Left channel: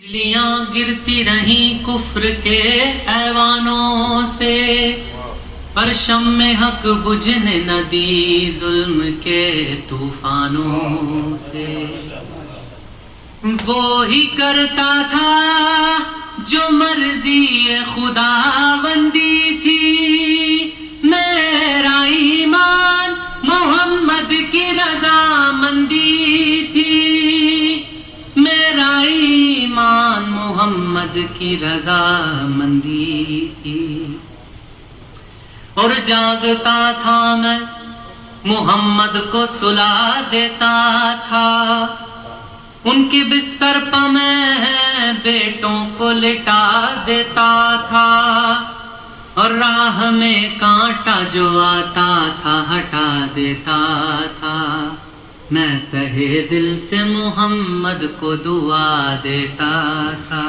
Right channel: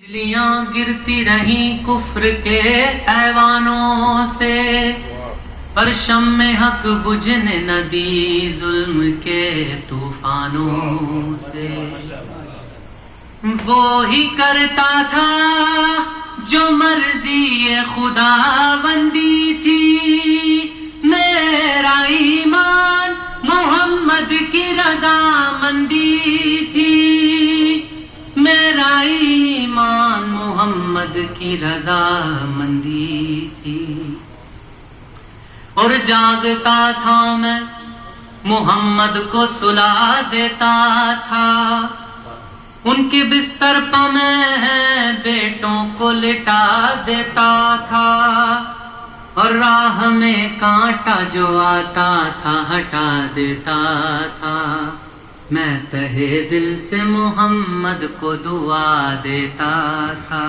بجلیاں گرتی رہیں کفر کے ایوانوں سے، پر شمع حق بجھنے نہ دی ظلم کے طوفانوں سے۔ وہی کرتا تھا جو مرضی خداوندی تھی، میرا ایمان محمد کی رضامندی تھی، میرا ایمان محمد کی رضامندی تھی۔ اور جاگتا تھا میں محمد کو سلا دیتا تھا، ان کے بستر پہ میں بیٹوں کو لٹا دیتا تھا، اور راہ میں کانٹا جو آتا تھا ہٹا دیتا تھا۔ میں تہے دل سے محمد کو دعا دیتا تھا،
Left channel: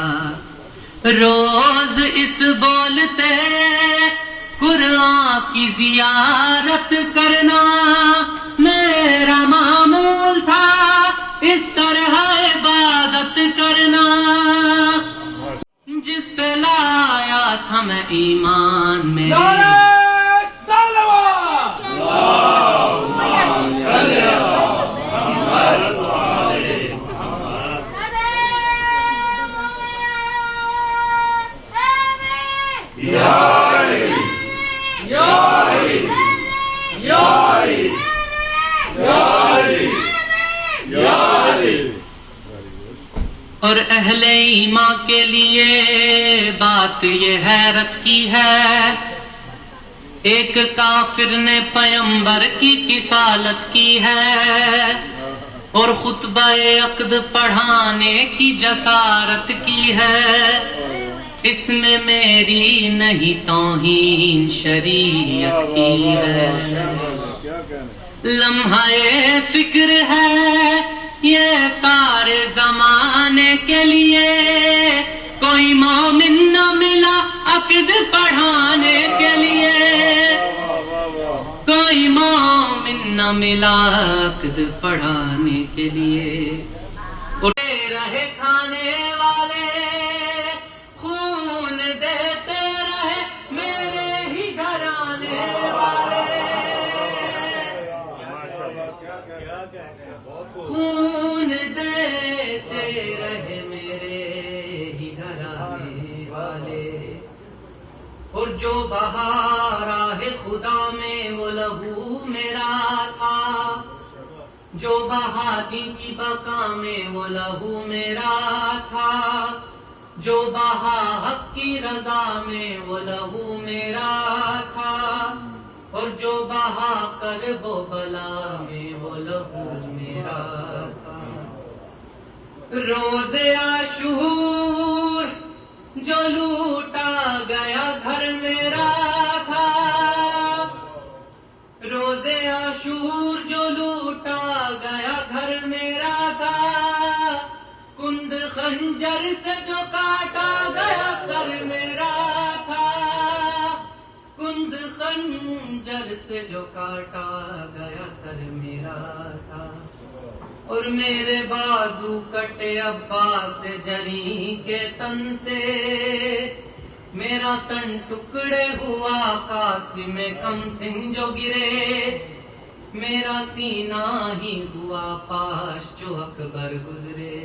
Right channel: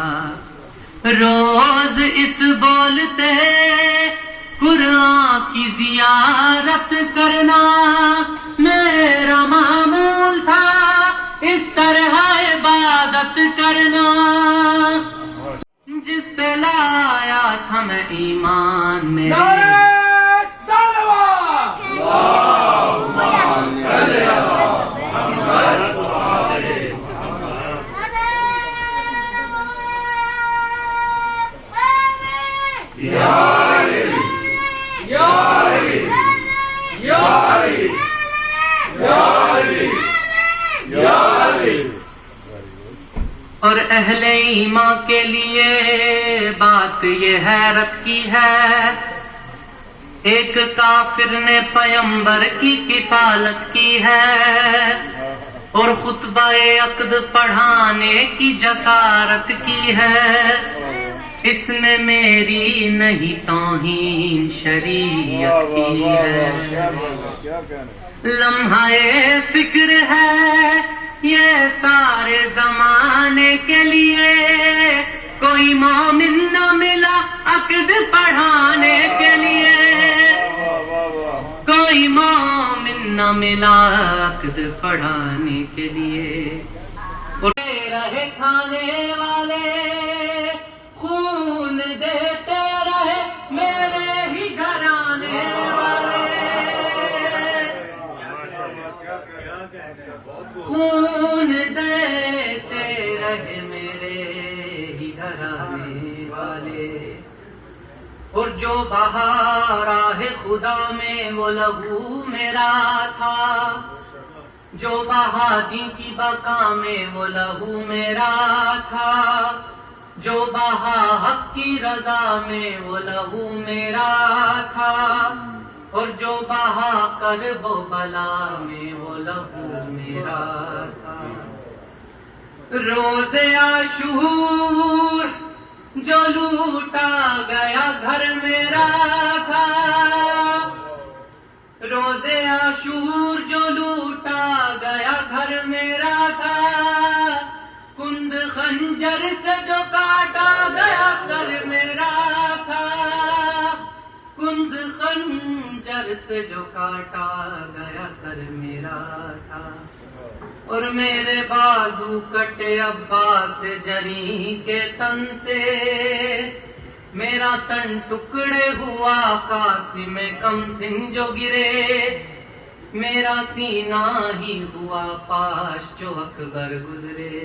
روز اس بولتے قرآن کی زیارت کرنا میرا معمول تھا، اس طرح عبادت کرنا جس پہ لایا تھا میں ایمان میں۔ اور اہل ایمان کے لیے بات یہ حیرت کی ہے، ایک کافر نے پیغمبر کی کفالت کی ہے، اور خطبہ عقد پڑھانے کی جسارت کی ہے، اس میں میری نہیں توہین شریعت کی ہے۔ لمحہ فکر ہے یہ سارے زمانے کے لیے، کوئی مومن نہ ملا عقد پڑھانے کے لیے، کوئی مومن نہ ملا عقد پڑھانے کے لیے۔ اٹھے رہے کھانے والے، خون دیتے رہے میرے ہی گھرانے والے، خون دیتے رہے میرے ہی گھرانے والے۔ اور جو بہا راہ خدا میں وہ لہو میرا تھا، جو بہا دین کی بقا میں وہ لہو میرا تھا، جو بہا حق کی رضا میں وہ لہو میرا تھا، اور جو بہا کرب و بلا میں وہ لہو میرا تھا۔ روز عاشور جو لوٹا گیا گھر میرا تھا، روز عاشور جو لوٹا گیا گھر میرا تھا، کند خنجر سے جو کاٹا گیا سر میرا تھا، کند خنجر سے جو کاٹا گیا سر میرا تھا۔ اور میرے بازو کٹے عباس جری کے تن سے، میرا تن ٹکڑے ہوا قاسم کم سن جو گرے، میرا سینہ ہی ہوا پاش جو اکبر گزرے،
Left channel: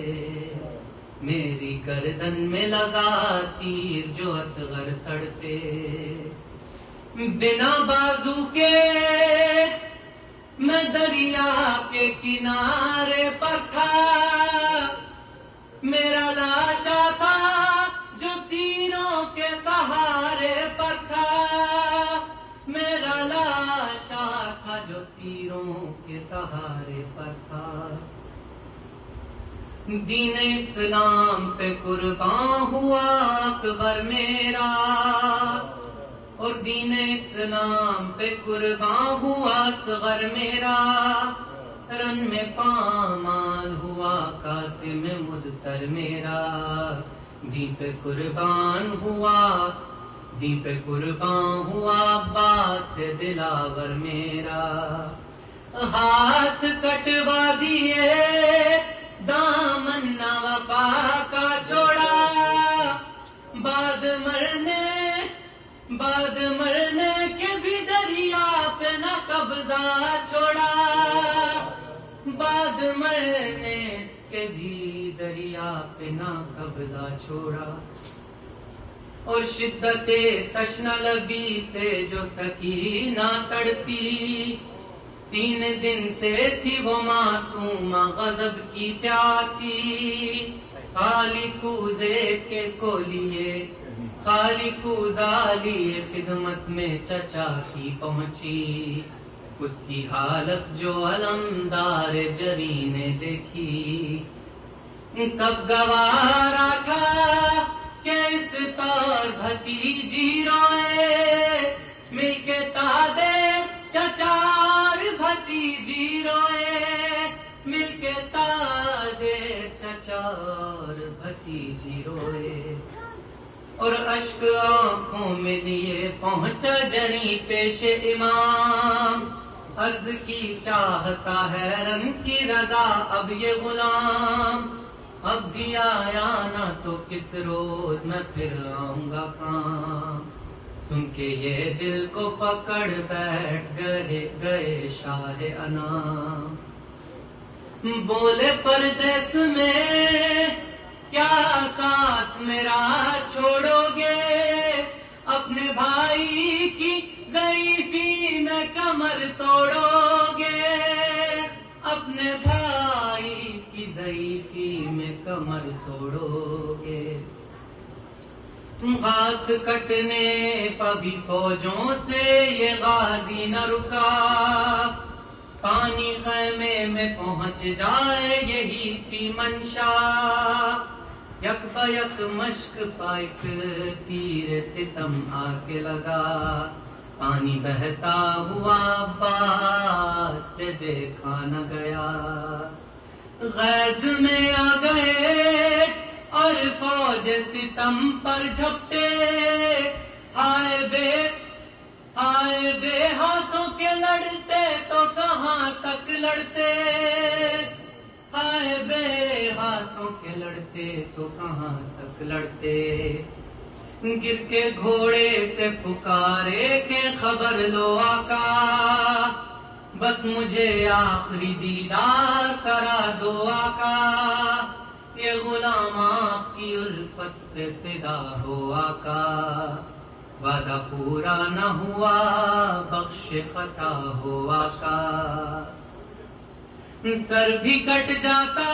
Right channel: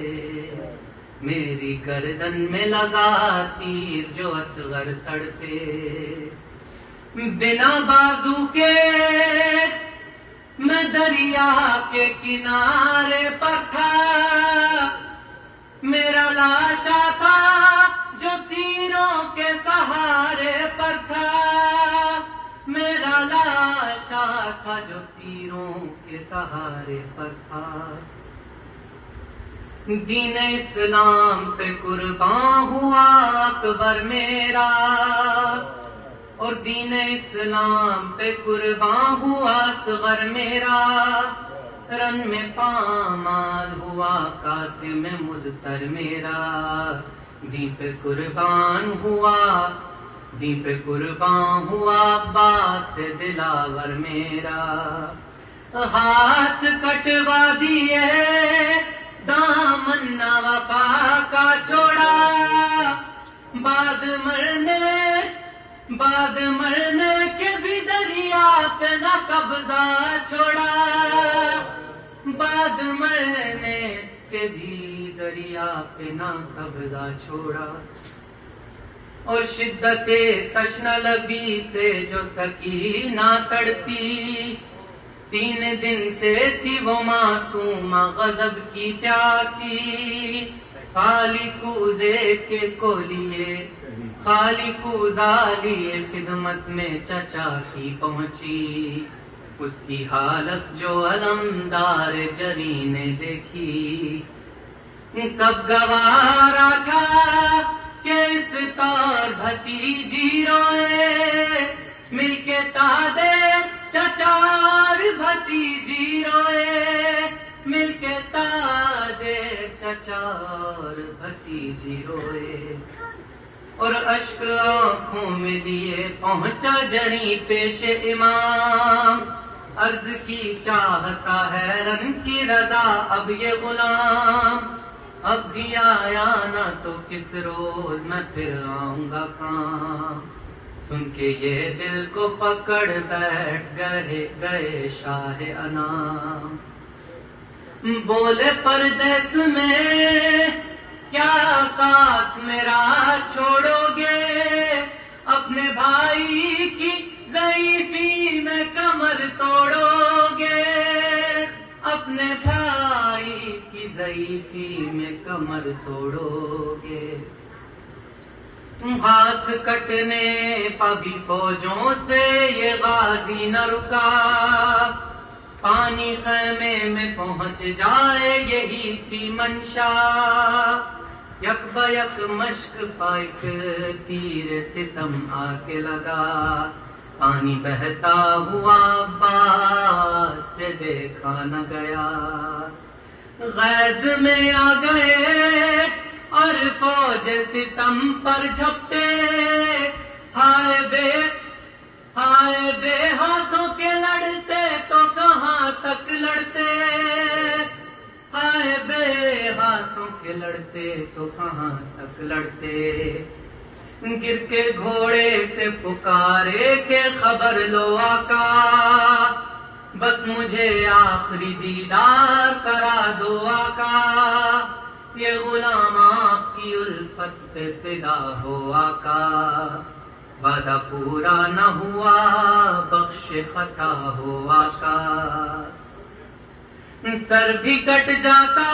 میری گردن میں لگا تیر جو اصغر تڑپے۔ بنا بازو کے میں دریا کے کنارے پر تھا، میرا لاشا تھا جو تیروں کے سہارے پر تھا، میرا لاشا تھا جو تیروں کے سہارے پر تھا۔ دین اسلام پہ قربان ہوا اکبر میرا، اور دین اسلام پہ قربان ہوا اصغر میرا، رن میں پامال ہوا قاسم مظفر میرا، دین پہ قربان ہوا، دین پہ قربان ہوا عباس دلاور میرا۔ ہاتھ کٹوا دیے دامن نہ وفا کا چھوڑا، بعد مرنے کے بھی دریا پہ نہ قبضہ چھوڑا، بعد مرنے کے بھی دریا پہ نہ قبضہ چھوڑا۔ اور شدت تشنہ لبی سے جو سکینہ تڑپی، 3 دن سے تھی وہ معصوم غضب کی پیاسی، خالی کوزے کے کو لیے، خالی کوزہ لیے خدمت میں چچا کی پہنچی، اس کی حالت جو علمدار جری نے دیکھی، کب گوارا تھا کہ اس طور بھتیجی روئے، مل کے تادے چچار بھتیجی روئے، مل کے تادے چچار بھتیجی روئے، اور اشک آنکھوں میں لیے پہنچا جری پیش امام، عرض کی چاہ سا ہے رن کی رضا اب یہ غلام، اب بھی آیا نہ تو کس روز میں پھر آؤں گا کام، سن کے یہ دل کو پکڑ بیٹھ گئے شاہ انام، بولے پردیس میں کیا ساتھ میرا چھوڑو گے، اپنے بھائی کی ضعیفی میں کمر توڑو گے، اپنے بھائی کی ضعیفی میں کمر توڑو گے، ہاتھ کٹنے پبھی فوجوں سے یہ غازی نہ رکا، پانی خیمے میں پہنچ جائے یہی تھی منشا، یک بیک مشک پائک تیر ستم آ کے لگا، پانی بہتا ہوا عباس سے دیکھا نہ گیا، غیظ میں آ گئے اور فوج ستم پر جھپٹے، ہائے بے ہاتھوں کے لڑتے تو کہاں تک لڑتے، ہائے بے ہاتھوں کے لڑتے تو کہاں تک لڑتے، گر کے گھوڑے سے پکارے کہ خبر لو آقا، بس مجھے آخری دیدار کرا دو آقا، یہ غلام آپ کی الفت پہ فدا ہو آقا، وعدہ پورا نہ ہوا بخش خطا ہو آقا، سر بھی کٹ جاتا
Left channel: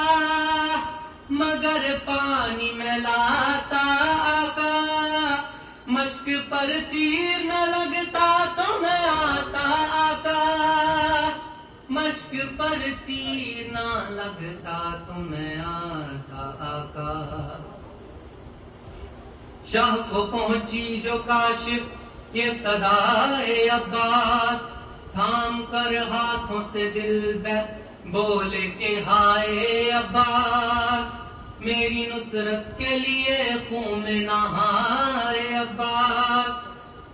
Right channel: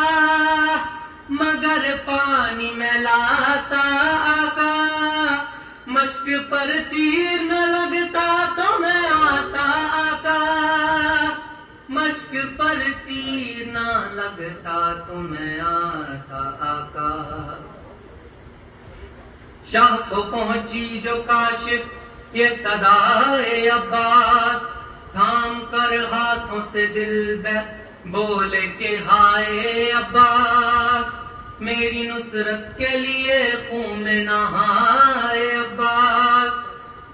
مگر پانی میں لاتا آقا، مشک پر تیر نہ لگتا تو میں آتا آقا، مشک پر تیر نہ لگتا تو میں آتا آقا، شاہ کو پہنچی جو کاشف یہ صدائے عباس، تھام کر ہاتھوں سے دل بولے کہ ہائے عباس، میری نصرت کے لیے خون میں نہائے عباس،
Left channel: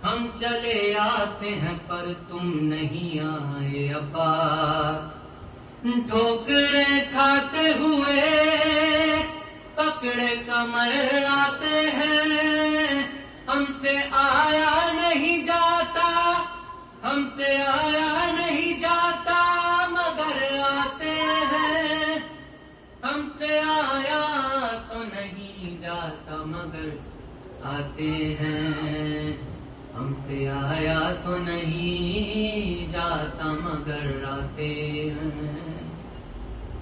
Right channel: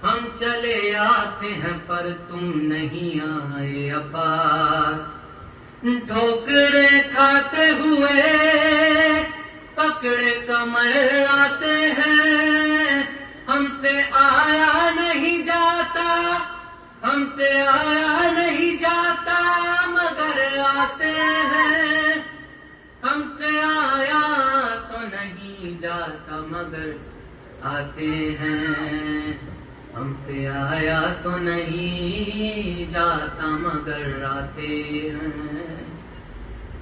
ہم چلے آتے ہیں پر تم نہیں آئے عباس، ٹھوکرے کھاتے ہوئے پکڑے کمر آتے ہیں، ہم سے آیا نہیں جاتا، ہم سے آیا نہیں جاتا مگر آتے ہیں، ہم سے آیا تو نہیں جاتا مگر آتے ہیں، ہم سے آیا تو نہیں جاتا مگر آتے ہیں،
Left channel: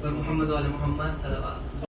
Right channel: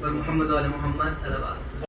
اور محمد علیہ محمد صلی اللہ علیہ وسلم